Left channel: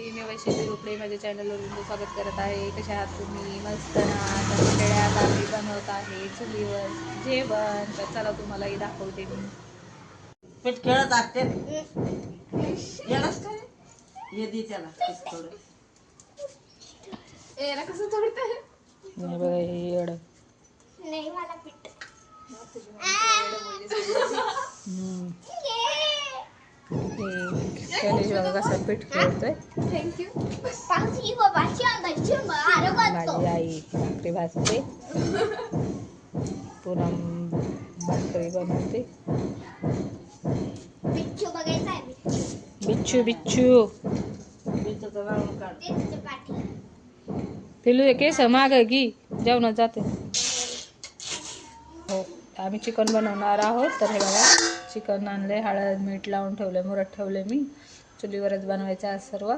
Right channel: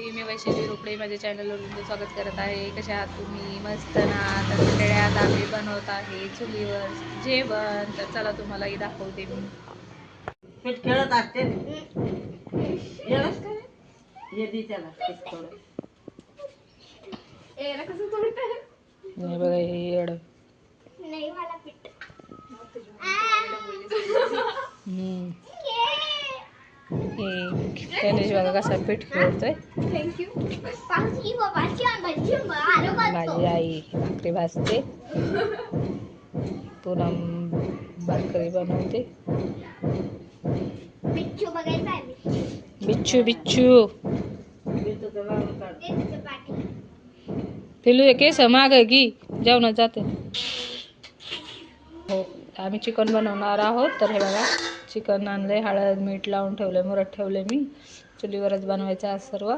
मंडळी, मी वैशाली रोपडे माझ्या चॅनलवर तुमचं स्वागत करत आहे. कशा आहात तुम्ही? मस्त ना. तर मंडळी, आज आम्ही बनवत आहे चुलीवर जेवण. तर चला तुम्हालाही दाखवते मी. खेळत असते बघा हे येड. गणेश बघा कसा पीठ खेळतोय. माझी आई भाकरी भाजते, पुन्हा भाकरी बनवते. बिच्छू बिच्छू पिलू हे केस माग की जेवणात जाते. हो, आम्ही चिकन बनवणार आहोत. तर हे बघा, चिकन आणले, हळद मीठ लावून ठेवले, मुरत ठेवले. मी चुलीवरच बनवायचं आज सर्व.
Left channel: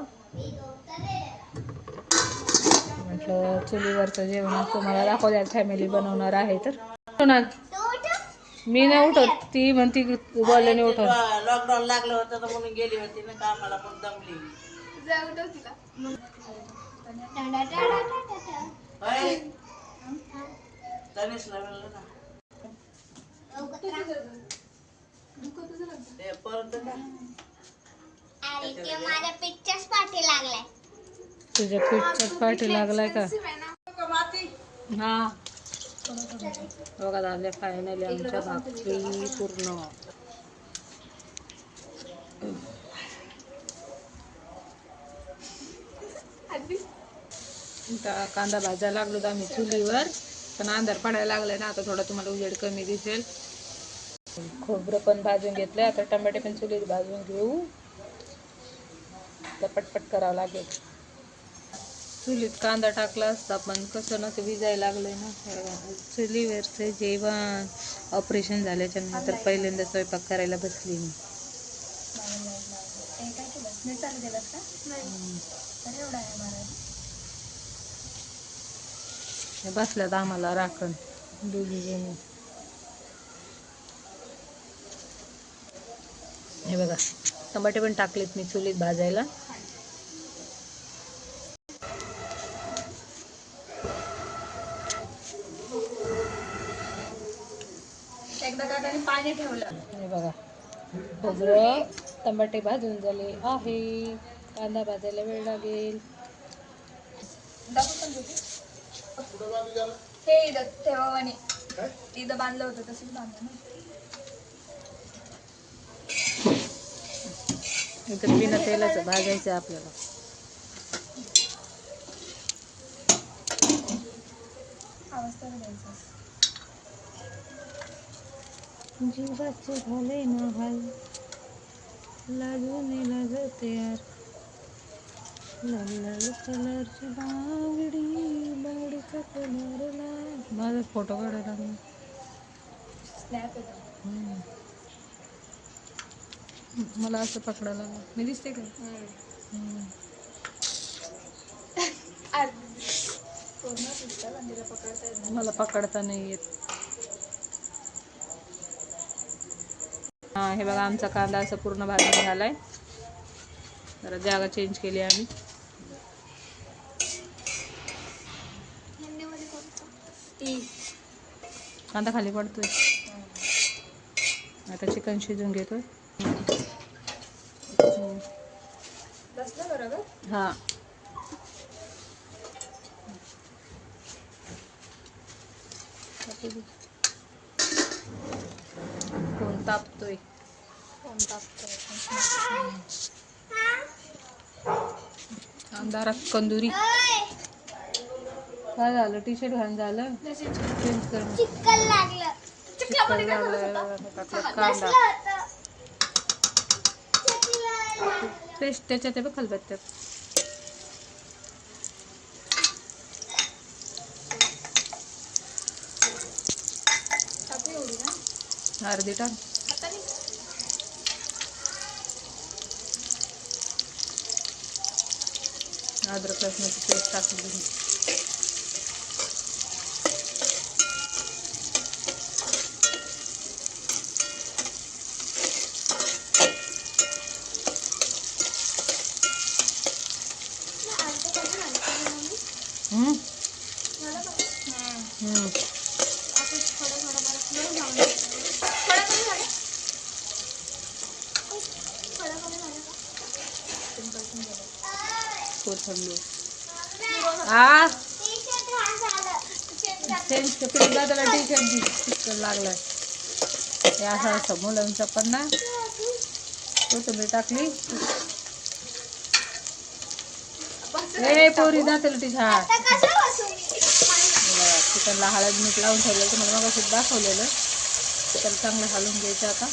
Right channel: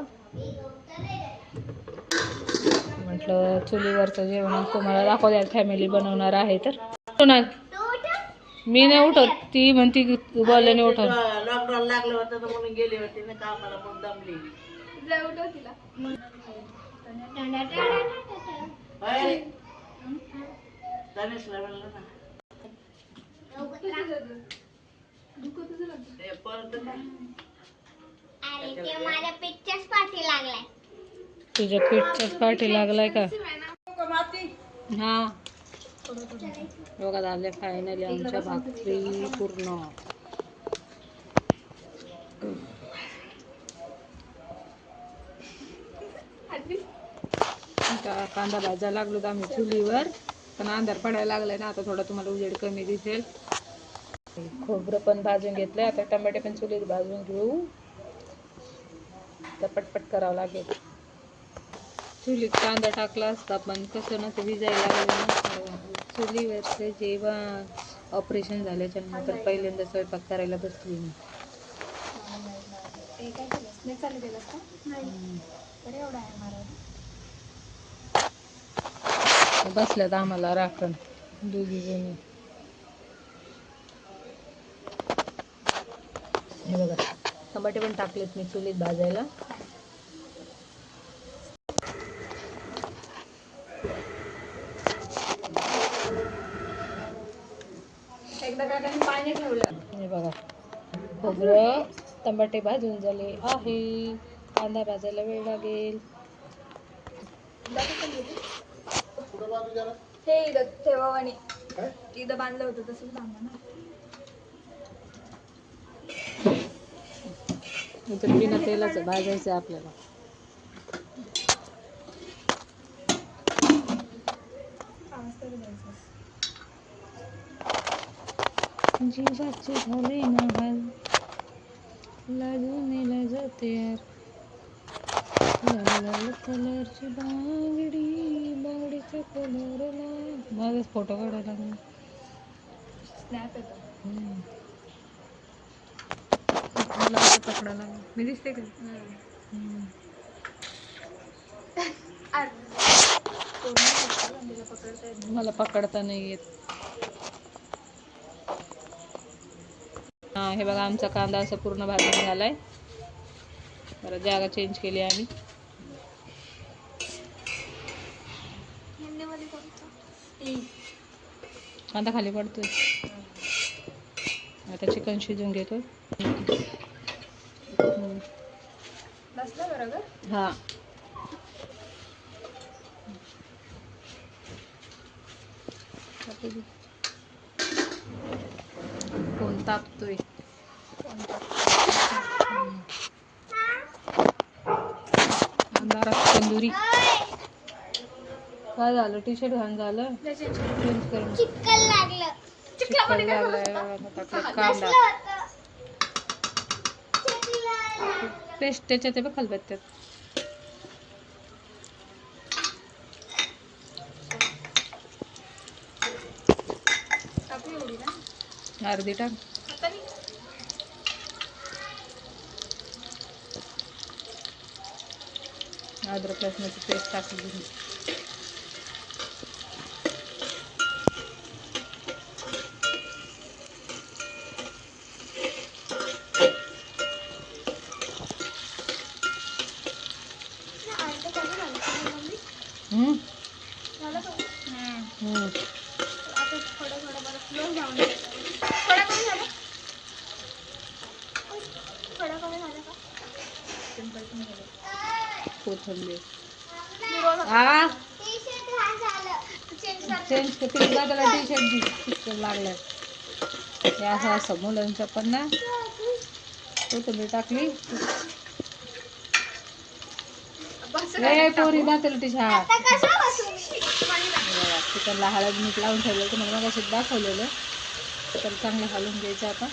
म्हटलं चुलीवरचं जेवण तुम्हाला दाखवल्या, फॅमिली बनवणार आहे. तर मी नाही उठत, ती म्हणती बोलले नाही उठत. लॉकडाऊन लागलं होतं तर म्हणून गेली होती ना कामाला, पण दमली. तुझ्या पीठच्याच पाठी लागलाय का? हा बघा, झाले फायनली आमच्या भाकरी पूर्ण. आता कांदा भाजायला लागलो तर आम्ही चुलीवर, पण अंधार पडायला लागलाय ना. आता थोडा तुम्हाला उजेड कमी दिसेल. खोबरं पण भाजून घेतलंय. आता टमाटे पण चुलीत भाजून घेऊ. तर पटपट करावं लागेल. चुलीत कांदा टाकला असता, पण कसं ना ते विजायला लागले ना. चुलीवरचं जेवण ऑपरेशन झाल्याच्या नंतर पहिल्यांदा स्वयंपाक करायला बसली मी. बसल्यात आम्हाला राखण दोघी जणी. हे बघा, टमाटे पण टाकलेत मी चुलीत भाजायला. हे बघा, खोबरं टमाटे भाजून झाले आहे. कांदा भाजायला वेळ लागेल. हे तेव्हा इथं बांधलं होतं तसंच बांधलं ना. इथं बिना तेलाचं भाजायचं आपल्याला. जीवाचे झाले ना हाल, लाजून लाजते यार. लाल लाल कलरची बांगडी, बांगडीचा कलर लाल. माझा फोटो काढायला लागला. स्नॅप येतो. मला कसं पकडायला लागलं, मी दिसते का? मला पकडता नाही येत. हा, हे बघा, आमचा कांदा असा पूर्ण भाजून झालाय. जरा जागा चेंज केली आम्ही. कांदा खाली पडतोय. आता चिकन शिजून घेतोय. हा, कोण तापतोय? अंधारात कंदुरी. काय झालं? टी शर्ट घालून झालं? चेंज कर. चिकन लागलाय. टाकलं कांदा, पेस्ट त्याच्यात आहे बघ खलबत्त्यात. अर्धी टाक. अद्रक लसणाची पेस्ट टाकली. हम्म. कोथिंबीर चेंज किती दादाला टी शर्ट लागलाय हे असं असं मुलांचं पण ना कोथिंबीर टाकली पोरी दाखवलं ती चिकनला हळद मीठ लावून ठेवलं तुम्हाला मग असं दाखवलेलं तर चांगलं घालून घ्यायचं आता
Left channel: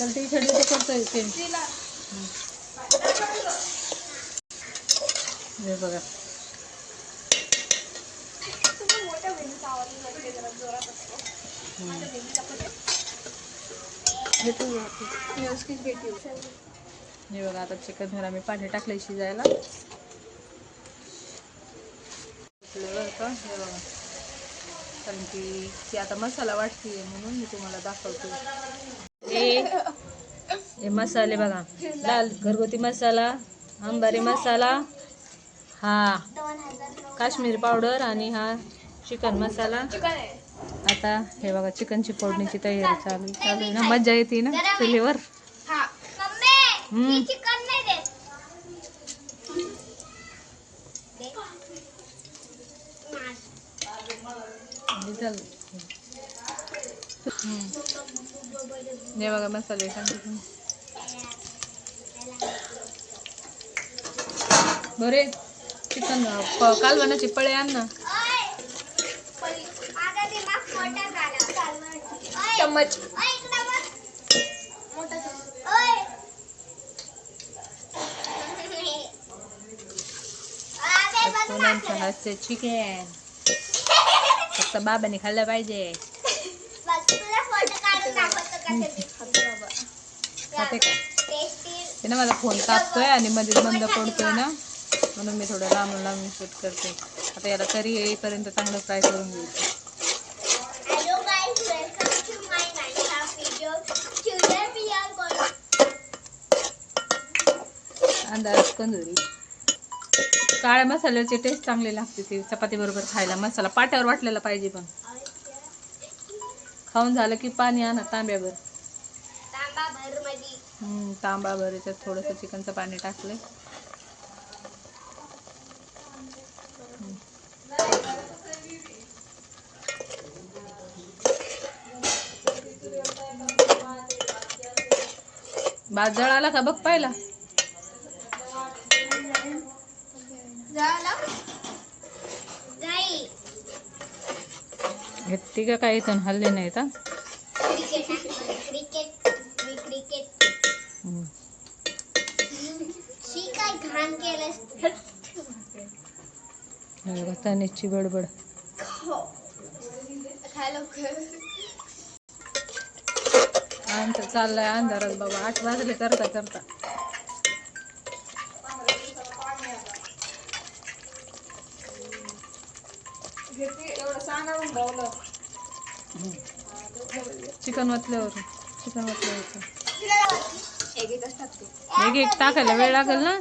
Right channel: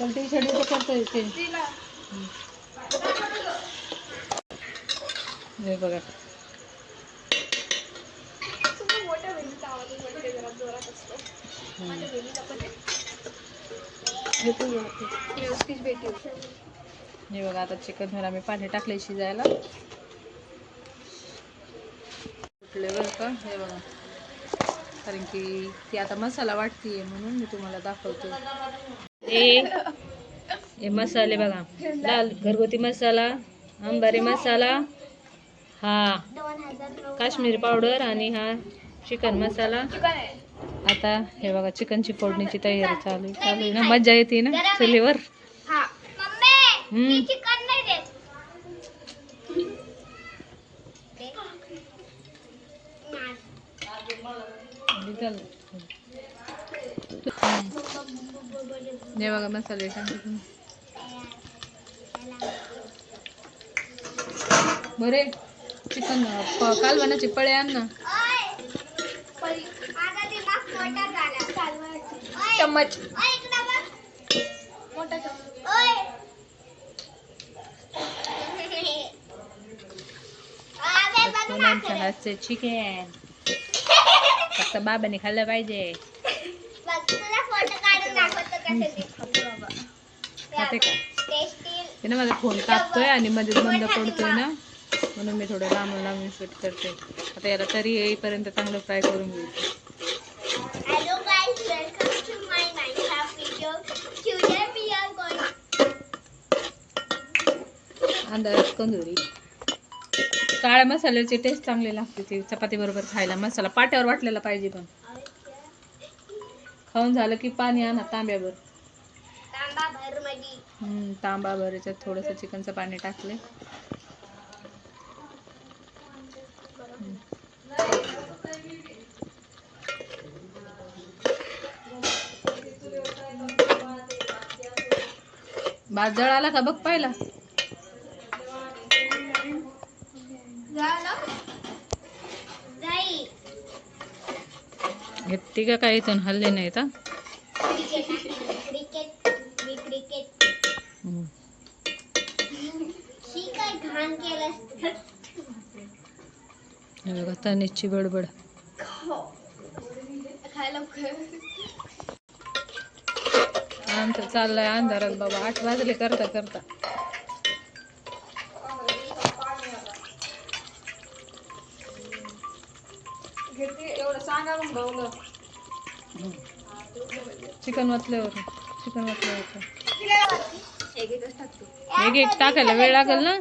तर टी शर्ट इथे करतोय चेंज हे बघा हे बघा आता चिकनवर आम्ही पाणी टाकले शिजायला बरं का हे बघा कारण की ती आता मसाला वाटतीये म्हणून मी तुम्हाला दाखवते हे मसाले बघा लाल घरगुती मसाला अंबारी मसाला हा काश्मीरी पावडर आणि हा चिकन मसाला आता हे बघा चिकनची फोडणीची तयारी चालू आहे ना मज्जा येते ना चुलीवर हे बघा मसाले टाकले बरे चिकन कालवणाची पळे आण ना चम्मच सोनांच्या हातचे चिकन फक्त बाबाने खाल्लं पाहिजे खाते का ते ना माझा फोन तापतोय आणि मध्ये बंद पडतोय ना म्हणून मी थोडं लांबून लांबून शूट करते आता याला तरी येईपर्यंत चांगलं फ्राय करून घेऊ अंदाज कंदुरी काळ्या मसाल्याची टेस्ट चांगली लागते ती चपाती बरोबर खायला मसाला पाट्यावर वाटलेला पाहिजे पण खाऊन झालं की पाणी आणा तांब्यावर तांबा भर याच्यात थोडंसं चिकनचं पाणी टाकले भात जळाला का बघ पाहिला घेतली का काय इथून हल्ले नाहीत बघा तनेची बडबड आमचं चाललंय अंधारात बाबा 8 वाजले करता करता चिकन वाचल्यावर एक एक टाकायला वेळ लागेल ना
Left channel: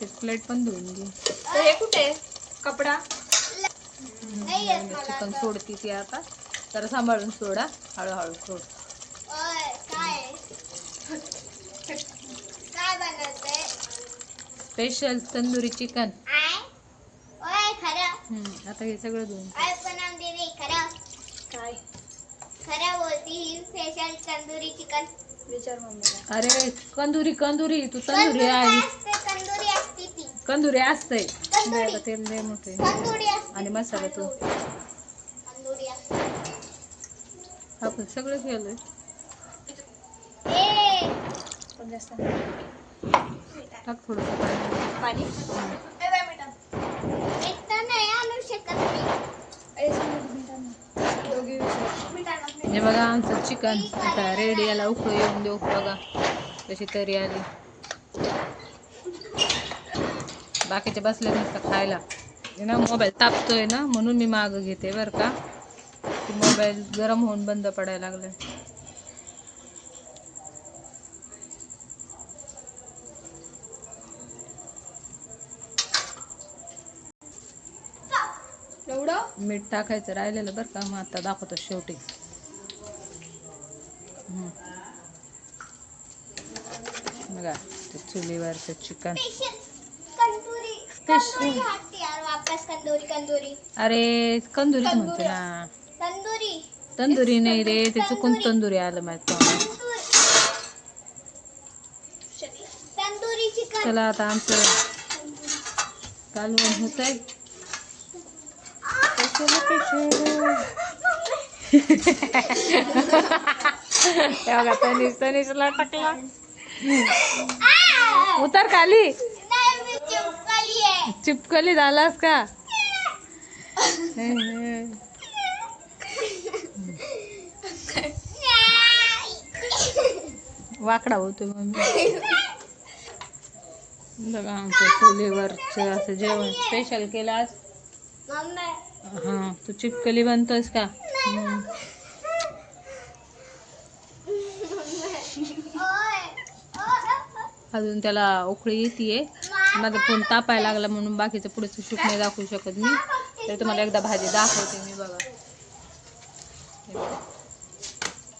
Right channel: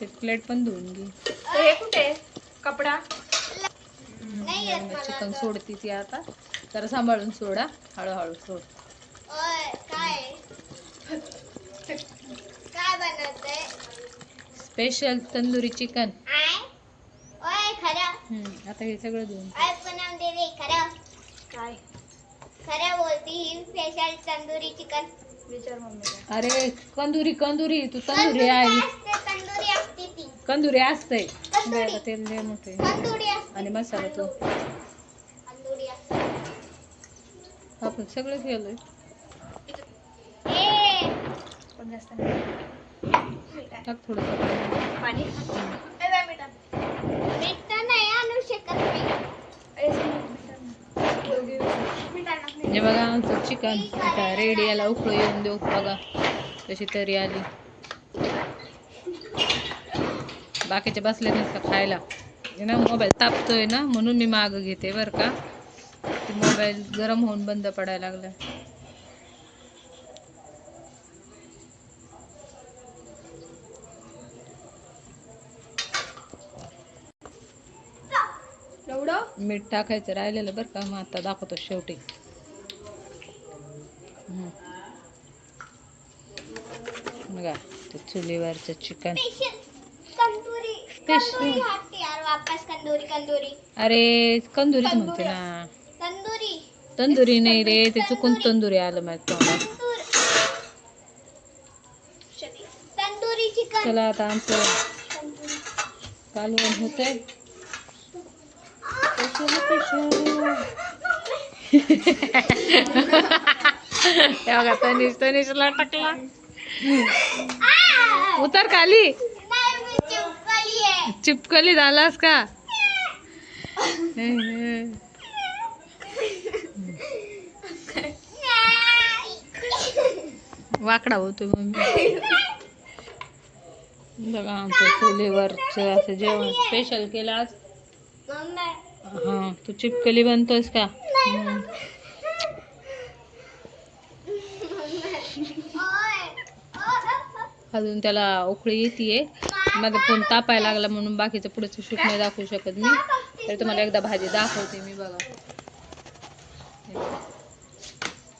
ते प्लेट पण धुवून घे कुठे कपडा चिकन सोडती ती आता जरा सांभाळून सोडा हळूहळू सोड स्पेशल तंदुरी चिकन आता हे सगळं धुवून तंदुरी चिकन अरे कंदुरी तू तंदुरी आहे कंदुरी असते तेल लय मोठे आणि मसाला तो आपण सगळं केलंय टाक थोडंसं पाणी हे बघा आमचं चिकन आता रेडी याला उकळू येऊन देऊ बघा कशी तरी आली बाकीचे बसले नसतं खायला. हे ना मोबाईल तापतोय ना म्हणून मी मागं घेते बरं का. ते मोबाईल गरम होऊन बंद पडायला लागलाय. मीठ टाकायचं राहिलेलं बरं का. मग आता दाखवतो शेवटी. बघा ते चुलीवरचं चिकन. अरे कंदुरीच म्हणते ना. तंदुरी नाही रे, ते चुकून तंदुरी आलं माझ्या तोंडात. चला आता आमचं कालवण होतंय. हे बघा तनिषला टाकला. उतर खाली. चिपकली झालास का? वाकडा होतो मम्मी. बघा आमच्या चुलीवरचं असं जेवण स्पेशल केलं आज. हा तू चिपकली बनतोस का? अजून त्याला उकळी येते. माझा फोन तापायला लागला म्हणून बाकीचं पुढचं शूट नाही दाखवू शकत मी. तर तुम्हाला एकदा भाजी दाखवते मी. बघा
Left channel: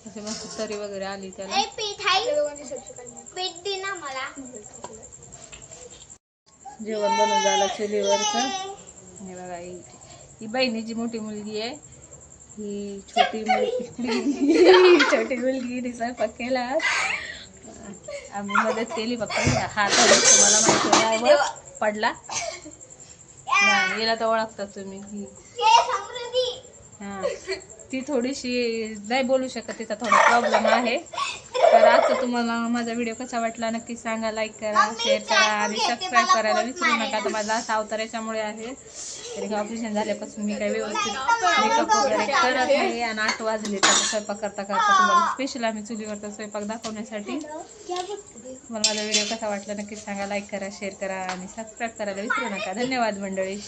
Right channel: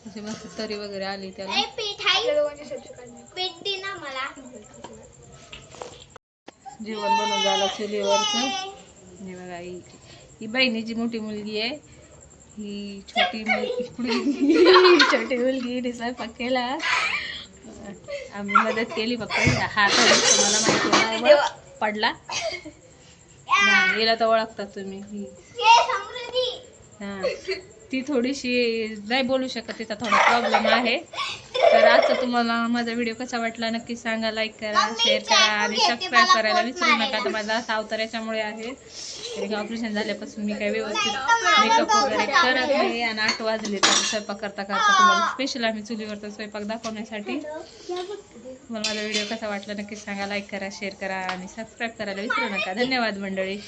असे मस्त तरी वगैरे आली त्याला. जेवण बनवून झालं चुलीवरचं. हे बघा ही बहिणीची मोठी मुलगी आहे. ही छोटी मुलगी स्वयंपाक केला. आम्ही मदत केली फक्त. हात मला माहिती पडला. हिला तर ओळखतात तुम्ही. हा ती थोडीशी नाही बोलू शकत, तिचा थोडा प्रॉब्लेम आहे. तर आजचा तुम्हाला माझा व्हिडिओ कसा वाटला नक्की सांगा. लाईक करा, शेअर करा आणि सबस्क्राईब करायला विसरू नका. तर माझा असा अवतार याच्यामुळे आहे, तरी ऑपरेशन झाल्यापासून मी काही व्यवस्थित मेकअप वगैरे करत नाही. आणि 8 वाजले तर स्वयंपाक करता करता तुम्हाला स्पेशल आम्ही चुलीवरचा स्वयंपाक दाखवण्यासाठी. तुम्हाला माझा व्हिडिओ कसा वाटला नक्की सांगा. लाईक करा, शेअर करा आणि सबस्क्राईब करायला विसरू नका. धन्यवाद मंडळी.